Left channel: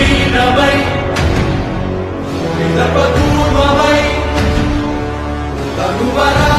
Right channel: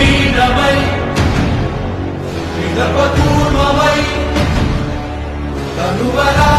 వీణవై విదప తనువరా